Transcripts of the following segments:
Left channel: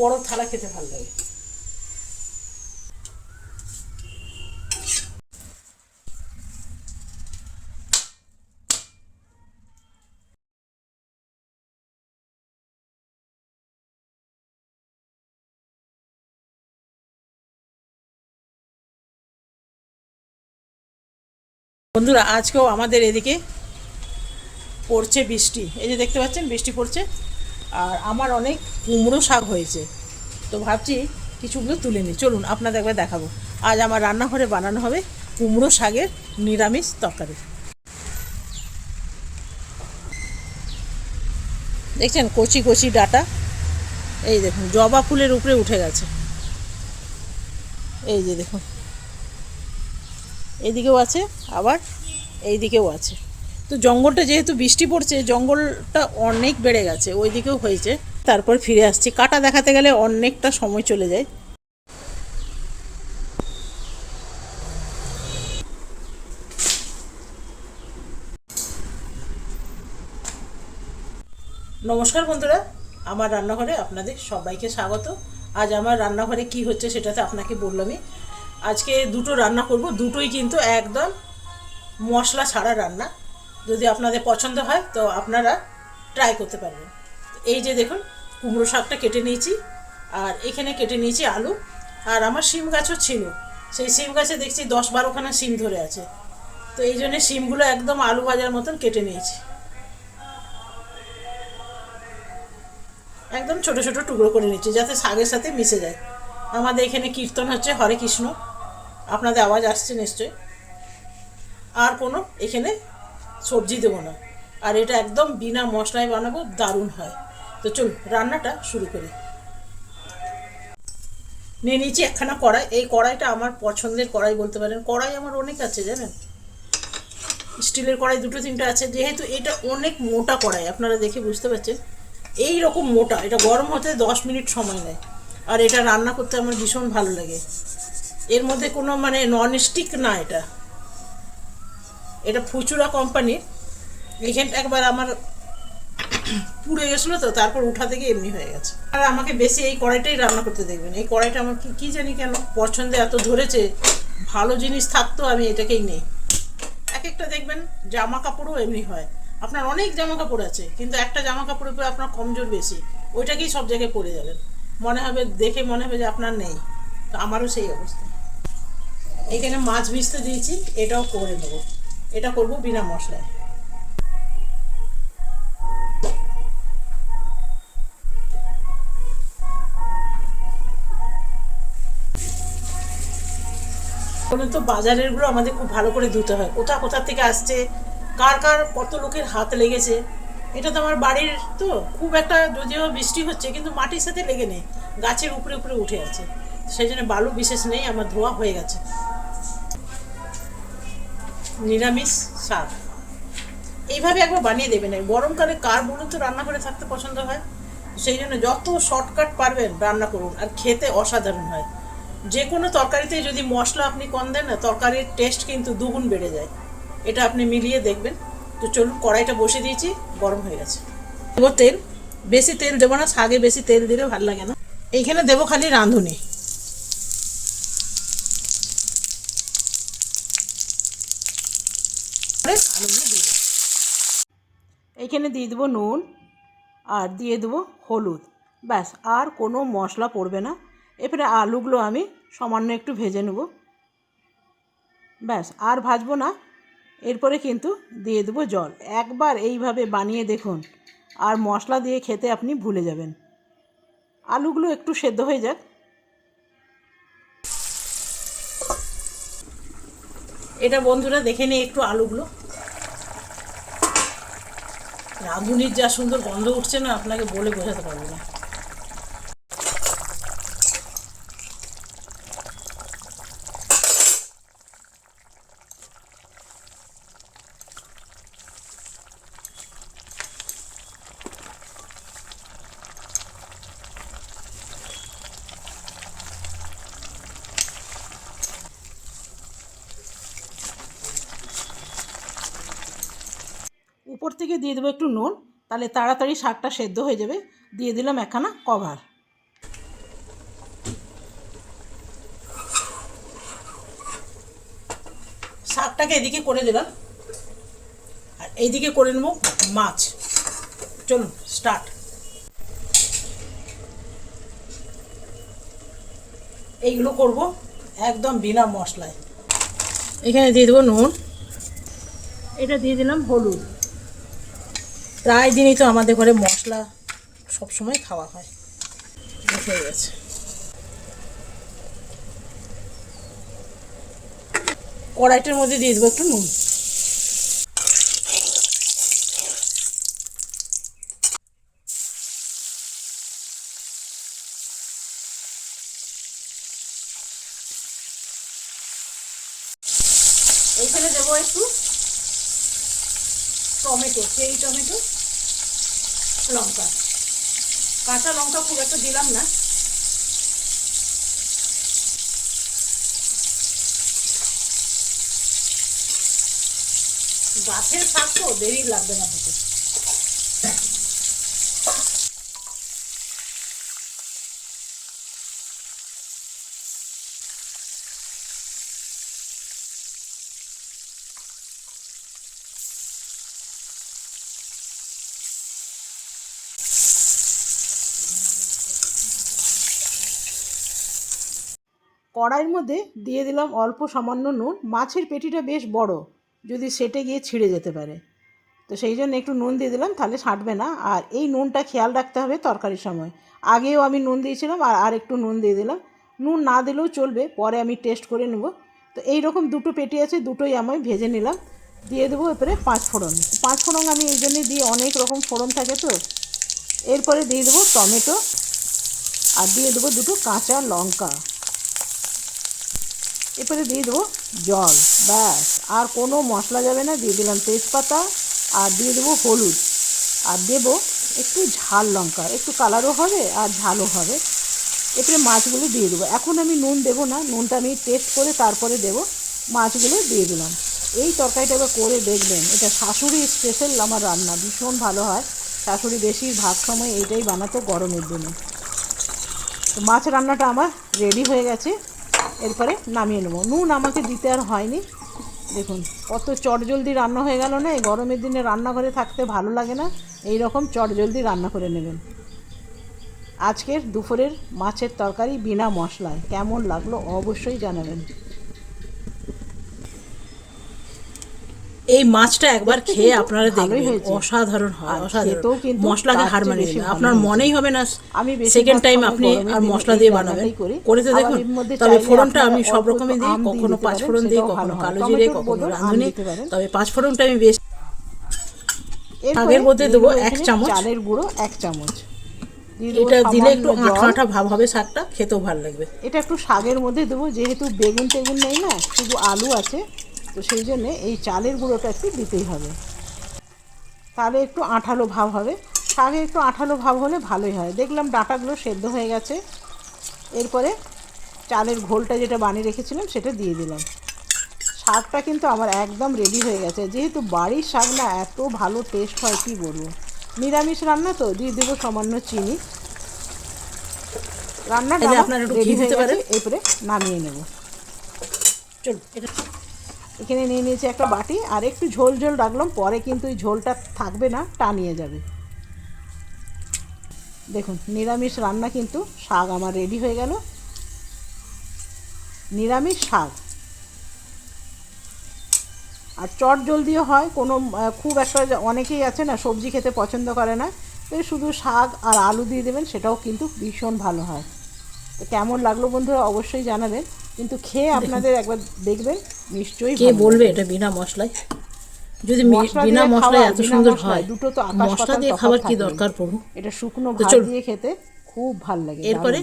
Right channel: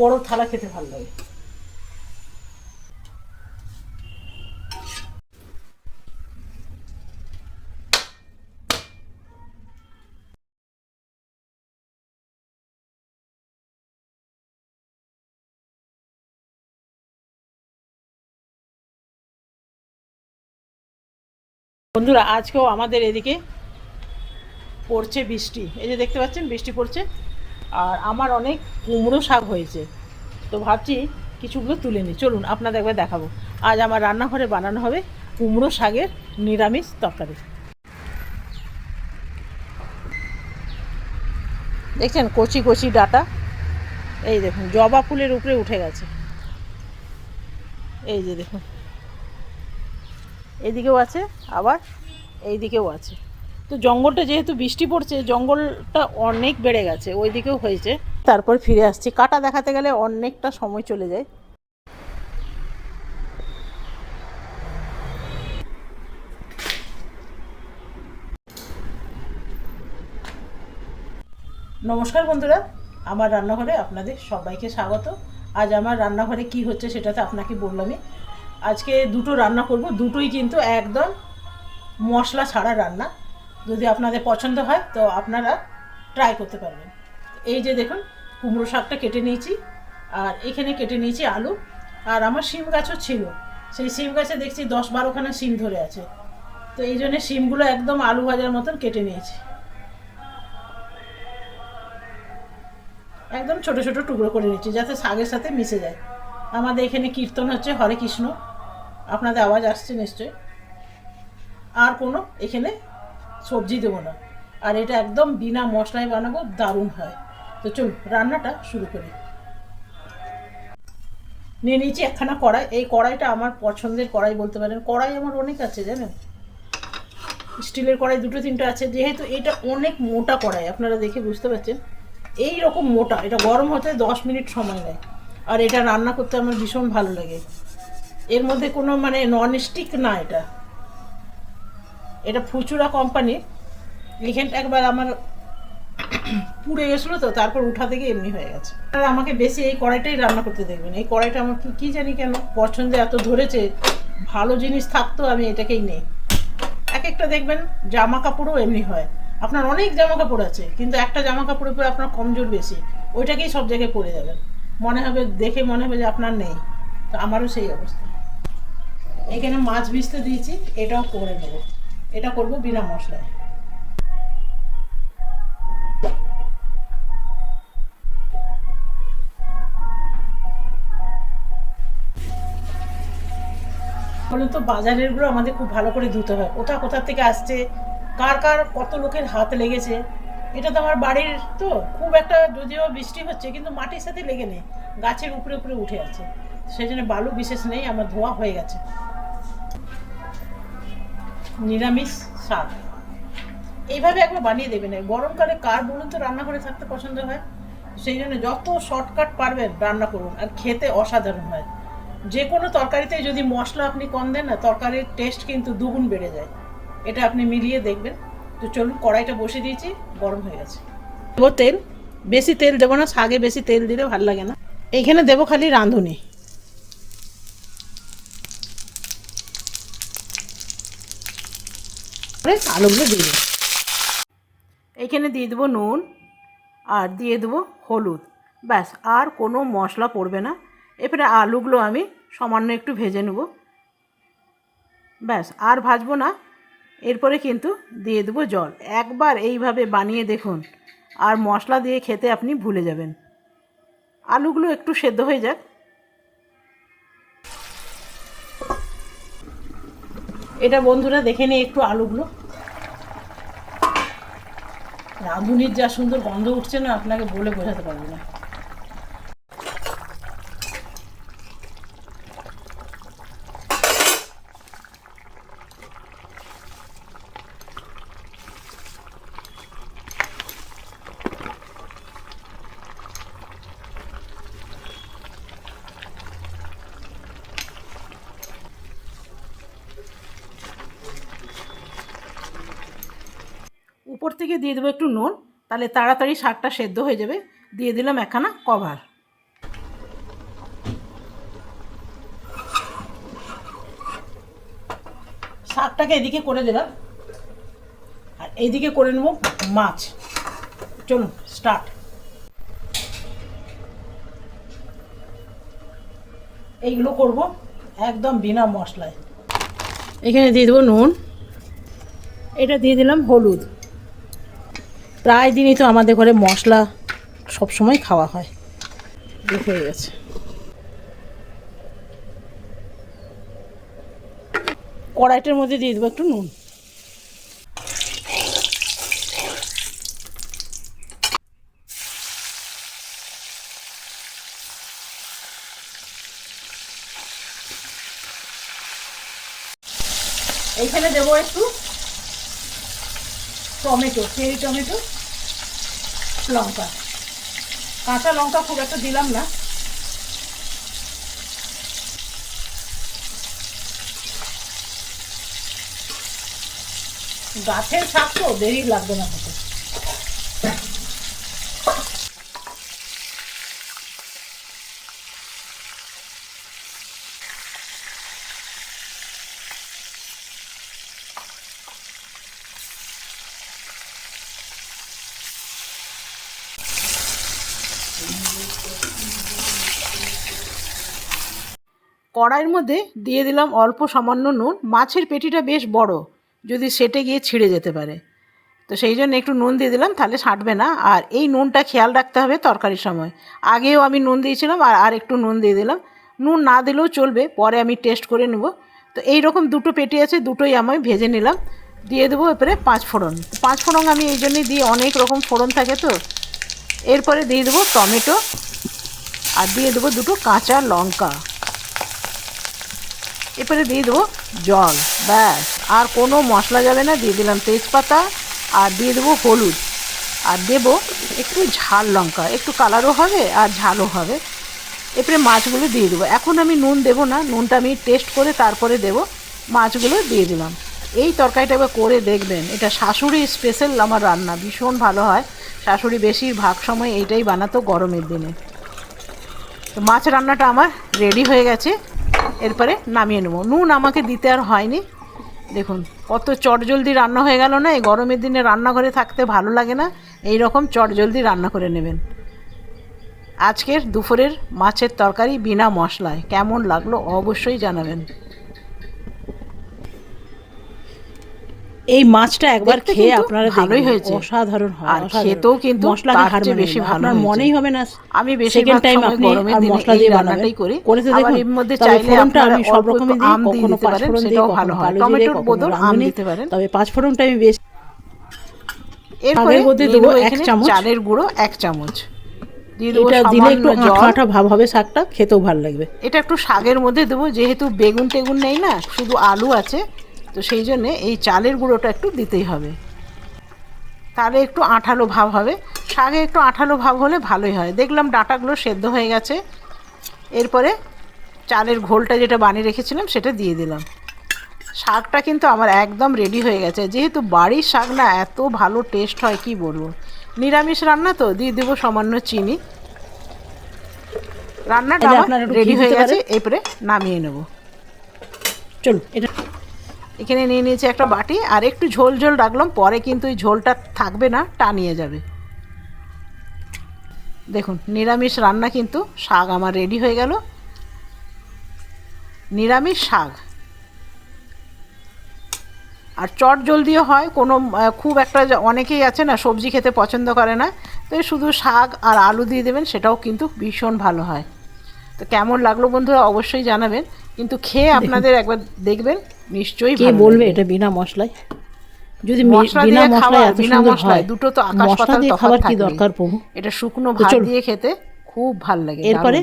বড় থালা খেতে ভালো লাগে। বন্ধুরা, আজকেও আমাদের এদিকে পড়ছে বৃষ্টি। এই যে দেখতে পাচ্ছেন বৃষ্টি পড়ছে। আর আমার অনেক কুমড়ো শাক হয়েছে, তো ভাবছি কিছুগুলো তুলে নিই। চলুন আপনাদের একবার দেখাবো। আজ আমার রান্নাঘরে বানানো হবে কুমড়ো শাকের নিরামিষ তরকারি। দেখছেন কচি কচি ডাটা, এই দেখুন জবা ফুলের উপরে উঠে গেছে। এই যে দেখুন, এইদিকেও আছে, আবার এই দিকেও আছে। তো জঙ্গলটা যেহেতু বৃষ্টি পড়ছে, জঙ্গলটা অনেক বেড়ে গেছে, ওই দিকেও হয়েছে। তারপর ফিরে আসছি, কাটা দেখাতে গেলে অনেকটা সময় চলে যায়। নমস্কার বন্ধুরা, আমার রান্নাঘরে আপনাদের সবাইকে স্বাগত। আজ আমার রান্নাঘরে কি হচ্ছে সেটা তো আপনাকে বললামই। আজকে দুটো রান্না করব, দুটোই কিন্তু একদম মশলা ছাড়া রান্না। যদি আপনাদের পছন্দ হয় তো আপনারা ট্রাই করতে পারবেন। এই যে দেখুন, কুমড়ো শাকটা কেটে নিয়েছি, আর এখানে কেটে নিয়েছি আলু। আর আমার শিম গাছও ছিল, সেই শিম গাছে দেখছি 10-12খানা শিম ধরে আছে। তো এই জন্যে শিমগুলো একদম আলু ভাজার মতন কেটে নিয়েছি, একদম ছোট ছোট টুকরো করে নিচ্ছি যাতে শাকের সাথে মিশে যায়। আমাদের এখানে কীর্তন হচ্ছে হরে কৃষ্ণ, আপনাদের আওয়াজ আসছে নিশ্চয়। আর কোনো এখানে সবজি দেবো না, আর এটা একদম বিনা মশলায় বানাবো, দারুণ হয়। তো চলুন রান্নাটা শুরু করি। নিয়ে নিয়েছি একখানা কড়াই। এই কড়াইটা আমার পছন্দের কড়াই বলতে পারেন। কড়াই আমার অনেক আছে জানেন, স্টিলের কড়াই 2-3টে আছে। যেহেতু এটা অনেক মোটা কড়াই, আপনারা দেখে বুঝতে পারছেন এই রকম মোটা। এটা গরম হতে 10 মিনিট সময় নেয়, আর এটা রান্না করতে আমার ভীষণ ভালো লাগে। এর মধ্যে কোনো মানে নন স্টিক না, এটা এটা ফুচুরা কোম্পানির। এখানটা একবার আমার পুড়ে গেছিলো, তো তারপর উঠা থেকে এমনি হয়ে গেছে। আর আমাকে বেশি এই কড়াইটাই রান্না করতে দেখবেন। এই কড়াইটা আমার কি জানি কেন পছন্দে এত ধরেছে, ভালো জিনিস থাকতো আমি এটাকেই নেই। এক একটা দেখবেন জামা কাপড়ও এমনি হয়, আপনার অনেক জামা কাপড় আছে কিন্তু একটা জামা কাপড়ের উপরে আপনার কমজোর বেশি, ওইটাকেই সব জায়গায় পরে যাবেন, মনে হবে দেখে মনে হবে যে আপনার নেই। তো আমারও সেই অবস্থা। এখানে মাছ ভিজতে দিয়েছি, এটাও করে নেবো। এটা করব বিনা মশলায়। বলুন তো, বাজারেরগুলো আমাদের খুব ভালো করে ধুতে হয়। কোথা থেকে আসছে, কার কার কত লোকের হাত লেগেছে। এটা তো আমার বাড়ির, তো খুব একটা যদিও বৃষ্টি হচ্ছে কিন্তু মাটির সাথে লেগে নেই, গাছের উপরে উপরে উঠে আছে, সেই জন্য বালু বিশেষ নেই, আমার ধোয়া হয়ে গেছে। নিরামিষ শাক এইভাবে একবার বানিয়ে দেবেন। গরমকালে কার বলুন তো রান্নাঘরে থাকতে পছন্দ হয়? সেই জন্য যত শর্টকাট পারবেন রান্না করুন, আর খেতে অসাধারণ হয়। যে কোনো তরকারিতে যদি মশলা আপনি কম দেন না, তরকারির টেস্ট কিন্তু দুগুণ বেড়ে যায়। এটা আপনি মিলিয়ে দেখবেন। তো চলুন, কড়াইটা বসে দিয়েছি, গরম হয়ে গেছে। দেবো তেল, বেশি তেল দেবো না, শাকে বেশি তেল দিলে ভালো লাগে না। এইখানে দেবো খালি রাঁধুনি। আলুগুলো দিয়ে দেবো, এইখানে দিয়ে দেবো নুন, আর দিয়ে দেবো হলুদ, ব্যাস। আর কোনো মশলা পড়বে না। এরপরে আলুগুলো আমি সামান্য একটু ভেজে নেব, ব্যাস। আর ভাজবো না। এরপরে কিন্তু দিয়ে দেবো জল। একবার এইভাবে বানিয়ে দেখুন, আর মশলা দিয়ে খেতে আপনি ভুলে যাবেন। আলুগুলো একটু সেদ্ধ হয়ে যাক। এটা বন্ধুরা দেখে নিই একটু আলুগুলো। রাঁধুনির যা সুন্দর গন্ধ উঠছে না, আপনাকে বলে বোঝাতে পারবো না। উপর থেকে দিয়ে দেবো একটু নুন, তাহলে তাড়াতাড়ি শাকটা সেদ্ধ হয়ে যাবে। দিয়ে দিলাম একখানা কভার। শাকটাকে এদিকে করে দিলাম, আর এইদিকে করে নেব মাছ। চলুন স্টার্ট। এইগুলো করব একদম বিনা মশলায়। এখানে দিয়ে দেবো নুন, এটা দিয়ে দিলাম হলুদ। প্রায় দিনই তো আমাদের ঘরে মশলা সব সময় খাওয়া হয়, দেখে হয়ে গেছে। কড়াইটার মধ্যে দিয়ে দেবো একটু নুন। এইখানে দেবো একটু টমেটো, চেরি টমেটো, লঙ্কা। কাঁচা লঙ্কা খুব একটা দিলাম না। গাছের শাক তো দেরি লাগবে না হতে। কড়াইয়ের মধ্যে দিয়ে দিলাম অল্প সামান্য নুন। মাছের পেটিটা বেশ বড়, যদি সেটে গিয়ে ছিঁড়ে যেতে পারে, তো সেই জন্য একটু নুন দিয়ে দিলাম, তাহলে ছাঁটবে না। আর এই নুনটা খেয়াল রাখতে হবে তরকারির সময়। আগেও আমি নুন দিয়েছিলাম, আর একটু নুন দিয়ে দিলাম। নুন না দিলেও চলবে, পরে আমি টেস্ট করে নেব। তো এই রকম দুটো পেটি আছে, দুটোই আমি ভেজে নিলাম। দিয়ে দেবো এরপরে পাঁচ ফোড়ন। পাঁচ ফোড়ন আমি এই জন্যই দিই, অনেক রকম ফোড়ন থাকে তো। এরপরে দিয়ে দেবো টমেটো, আর দিয়ে দেবো দুটো কাঁচা লঙ্কা। এরপরে দিয়ে দেবো জল, ব্যাস, আর কোনো মশলা যাবে না। দিয়ে দিলাম তেজপাতা, আর দিয়ে দেবো হলুদ, আর দেবো একটু ঝাল লঙ্কা, একটু কালারও হবে আর ঝালও হবে। এরপরে মাছগুলো দিয়ে দেবো। এখন আমি নুন দেবো না, নুনটা আমি টেস্ট করে তারপরে দেবো। মাছগুলো দিয়ে দিলাম। এই তরকারিটা একবার করে দেখবেন, এটা শাশুড়ি স্পেশাল আমার রান্না, ভীষণ ভালো হয়। শাশুড়ি বেশিরভাগ সময় এইটাই বানাতো গরমের দিনে। তো মাছ রান্নাটা আমার রেডি হয়ে গেছে, এরপরে নামিয়ে নেবো। নুন আমাকে দিতে আর হয়নি। দেখুন কত চটজলদি রান্না হয়ে গেল না। এই গরমের দিনে রান্নাঘরে থাকতে ভালো লাগে না, এই রকম চটজলদি রান্না করে নেবেন। আজকের দুপুরের মাছের তরকারি বিনা মশলায় কেমন লাগলো অবশ্যই জানাবেন। এই মাছটা একবার খেয়ে আপনারা ভালোই হয়েছে, অসাধারণ হয়। আর খেতেও কিন্তু মশলাকে হার মানে বেশি ভালো, আপনার মনেই হবে না আমি সেকেন্ড টাইম আপনি আর মশলা দিয়ে বানাবেন। করে তো দেখুন। তবে ফোড়নটা আমি সব রকমই দিই, কখনো পাঁচ ফোড়ন দিই, কখনো কালো জিরে, কখনো রাঁধুনি, তবে পাঁচ ফোড়নটা আমি বেশ। এর মধ্যে দেবো এক চামচ চালের গুঁড়ো, এক চামচ। এটা দিলে একটু আঠা আঠা ভাব হবে, শাকটা খেতেও ভালো লাগবে। এটা একটু শাকের মধ্যে দেবো, যেহেতু বেগুন টেগুন নেই না, শুধু আলু আছে, তো সেই জন্যে এই চালের গুঁড়োটা একটু দিতেই হবে, তাহলে একটু আঠালো ভাব হবে। শাকে একটু আঠালো ভাব হলে ভালোই হয়। দেখলাম ডাঁটাগুলো সেদ্ধ হয়ে গেছে। এরপরে চালের ঘোলটা যেটা বানিয়ে রেখেছিলাম সেটা দিয়ে দিলাম। শাকটা কিন্তু আমার একদম রেডি হয়ে গেছে। যেহেতু বাড়ির শাক না, এত ভালো টেস্ট হয় কি বলবো। নিরামিষ রান্না তো, দিয়ে দেবো সামান্য চিনি। রান্নাটা আমার রেডি হয়ে গেছে, এরপরে নামিয়ে নেব। চলো, এটা এখানে নিয়ে নিয়েছি একটা বাটি, আর একটু ঝোল ঝোল রাখলাম, পরে কিন্তু এই ঝোলটা থাকবে না, টানিয়ে যাবে। দেখুন নিরামিষ রান্না কিন্তু শাক আমার রেডি হয়ে গেল। নিরামিষ শাক, আর চট জলদিও হয়। কোনো খুব একটা, অনেকেই আছে না সবজি খেতে পছন্দ করে না, তো শুধু শাক আর আলু দিয়ে দেবেন, সেটাও কিন্তু ভীষণ ভালো হয়। তো কেমন লাগলো বন্ধুরা অবশ্যই জানাবেন, কিন্তু খেয়ে আপনাদের একবার দেখবেন, নিশ্চয়ই কে বলবে এটা বিনা মশলায়। যদি বিনা মশলায় এত সুন্দর হয়, দুটো তো আকাশ পাতাল তফাৎ। খাবার কি দরকার প্রভু, এটা শুকনো ভাত দিয়ে খেতে খুব ভালো লাগে। এরপরে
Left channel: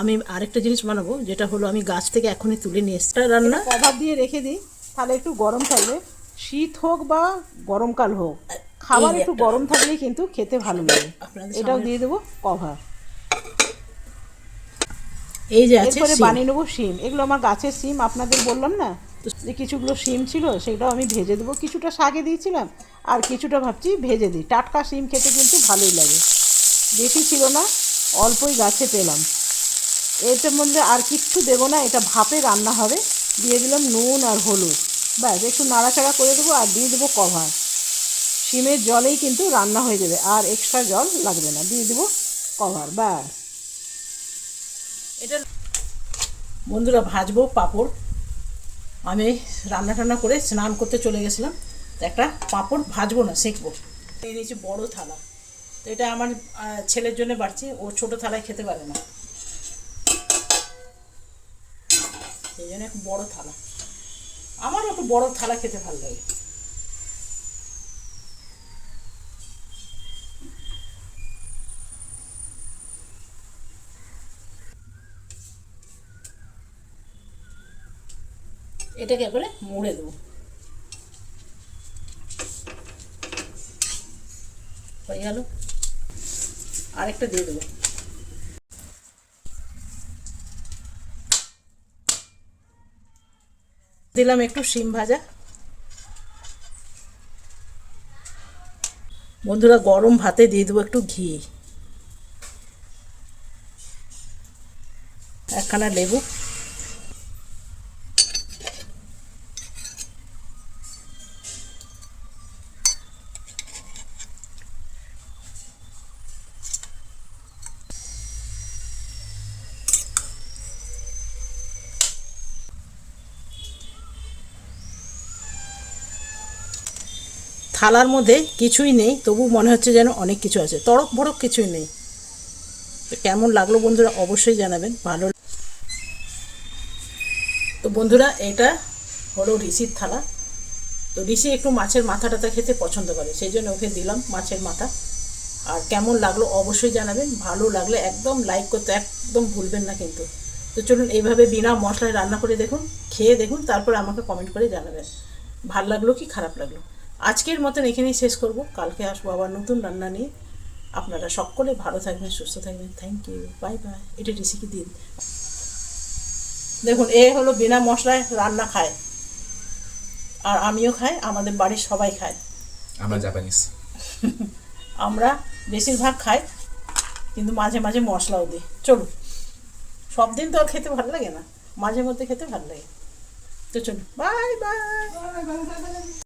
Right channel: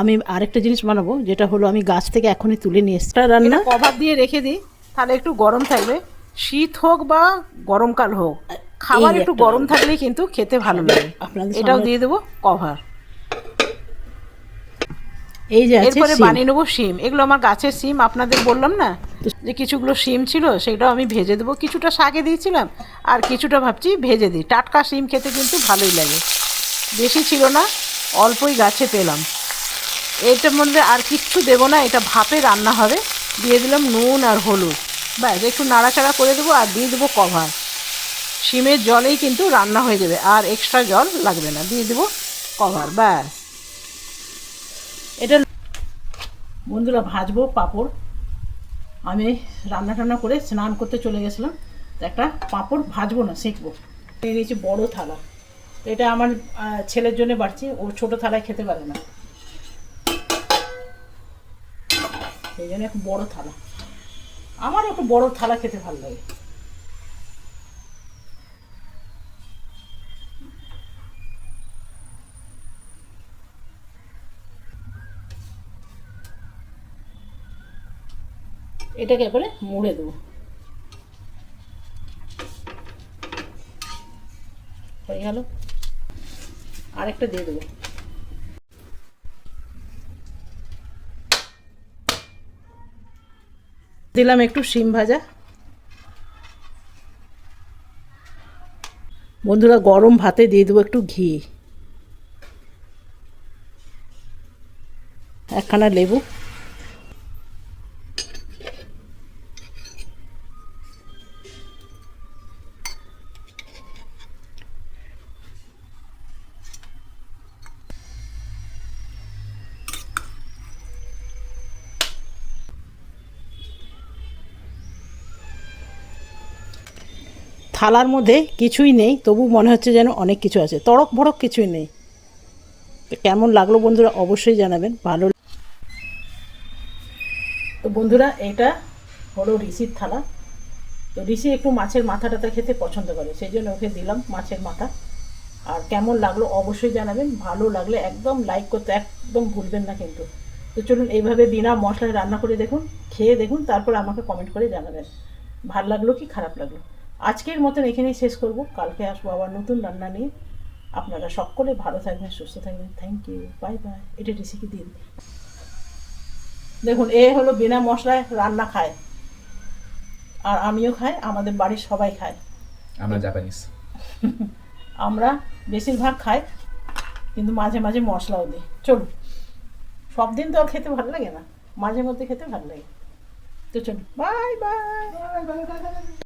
আমি আরেকটা জিনিস বানাবো, যেটা হলো আমি গাছ থেকে এখনই তুলে নিয়ে এসেছি। রান্না কভার দিয়ে রেখে দিই, তাহলে একটু গরম থাকবে। শীত হোক বা গরমকাল হোক, খাবার একটু গরম থাকলেই কিন্তু খেতে ভালো লাগে। এটাও দিয়ে দেবো কভার। এই যে এরপরে বানিয়ে নেবো শিম। এগুলো আমার গাছের শিম, আপনাদের বললাম না যে কিছুগুলো শিম ছিল, সেটাও আমি ভেজে দেবো। কিছুটা শাকে দিয়েছিলাম, আর কিছুটা ভাবছি ভেজে দিই। টাটকা শিম খেতে কিন্তু ভালোই লাগে। বেশি ছিল না, অল্পই গাছে পেলাম। এটার মধ্যে আর কিচ্ছু দেবো না, এটা ভাপে রান্না হবে। দিয়ে দিলাম নুন আর হলুদ, ব্যাস একটু নাড়াচাড়া করে দেবো আর দিয়ে দেবো কভার। শিমের জলেই কিন্তু রান্না হয়ে যাবে, আর এক্সট্রা জল লাগবে না, দিয়ে দেবো কভার। ব্যাস এটা বন্ধুরা ভাজবো পাঁপড়। আমি রান্না টান্না করে স্নান করতে চলে গেছিলাম, তো একটা পাঁপড় ভাজবো না সেঁকবো। নিয়ে নিয়েছি বড়ো থালা, তো এটা আমার ছেলের জন্য বাড়ছি, ও ছোটো থালায় খেতে পারে না, সেই জন্য একটু বড়ো থালা। আমারও একটু বড়ো থালা খেতে ভালো লাগে। এটাকে এবারে মুড়ে দেবো, হয়ে গেল। আরেকটা দিয়ে দেবো। দিলাম একটু শিম ভাজা। বন্ধুরা গরম ভাতে দিয়ে দেবো একটু ঘি, একখানা লেবু। থালার মধ্যে কিছুই নেই, তবু মনে হচ্ছে যেন অনেক কিছু আছে, তড়ক ভড়ক কিছুই নেই। তো কেমন লাগলো বন্ধুরা অবশ্যই জানাবেন। ভালো তো বন্ধুরা এটা হলো ঋষির থালা। তো ঋষি একটু মাছের মাথা টাথা খেতে পছন্দ করে, সেই জন্য ওকে দিলাম মাছের মাথা। আর কেমন লাগলো অবশ্যই জানাবেন, ভালো লাগলে একদম লাইক করতে একদম ভুলবেন না কিন্তু। তো চলুন এইভাবে বিনা মশলায় রান্না করে দেখুন, খেয়ে দেখুন, তারপরে আমাকে কমেন্ট করে জানাবেন ভালো লাগলো কি খারাপ লাগলো। আজকের মতন এখানেই শেষ করব, কালকে আসবো আবার নতুন রান্না নিয়ে। আপনারা সকলে ভালো থাকবেন, সুস্থ থাকবেন। Thank you, bye bye. এটা রেসিপি দিন। দেখুন এ হলো বিনা মশলায় রান্না খায়, আর আমিও খাই, আমাদের বাড়ির সবাই খায়। আমরা জাপানিজ। আমরা বেশিরভাগ খাই, কিন্তু মাঝে মাঝে মশলাও দিই। চলুন, সব দিন তো আর খেতে ভালো লাগে না, মাঝে মধ্যে খেতে ভালো লাগে। তো চলুন, বাই বাই।